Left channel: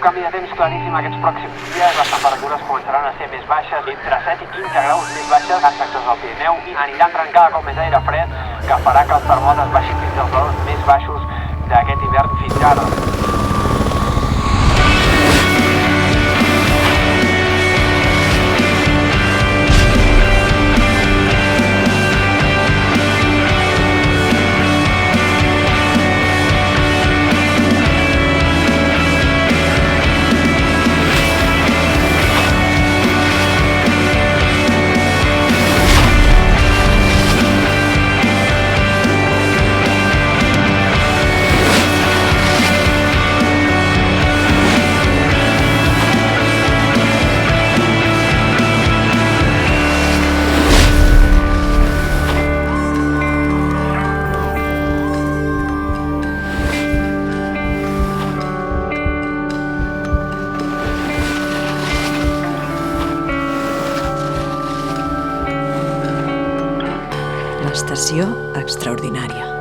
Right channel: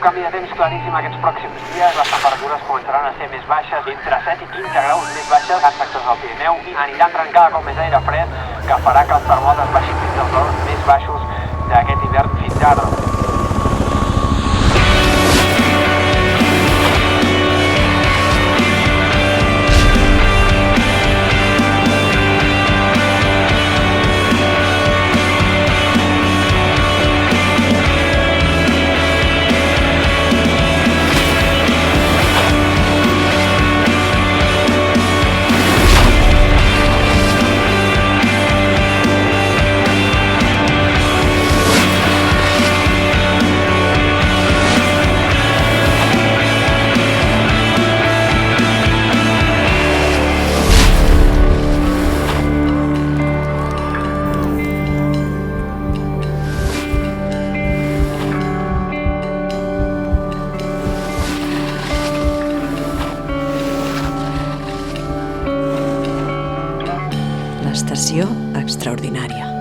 Canvi de temps claríssim aquests pròxims dies. Les temperatures començaran a ser més baixes, entre 7 i 15 graus més baixes en sectors del Pirineu, i anirà entrant cada cop més aire fred, que farà que els termòmetres baixin fins als valors més baixos d'aquest hivern fins ara. L'estació extraordinària.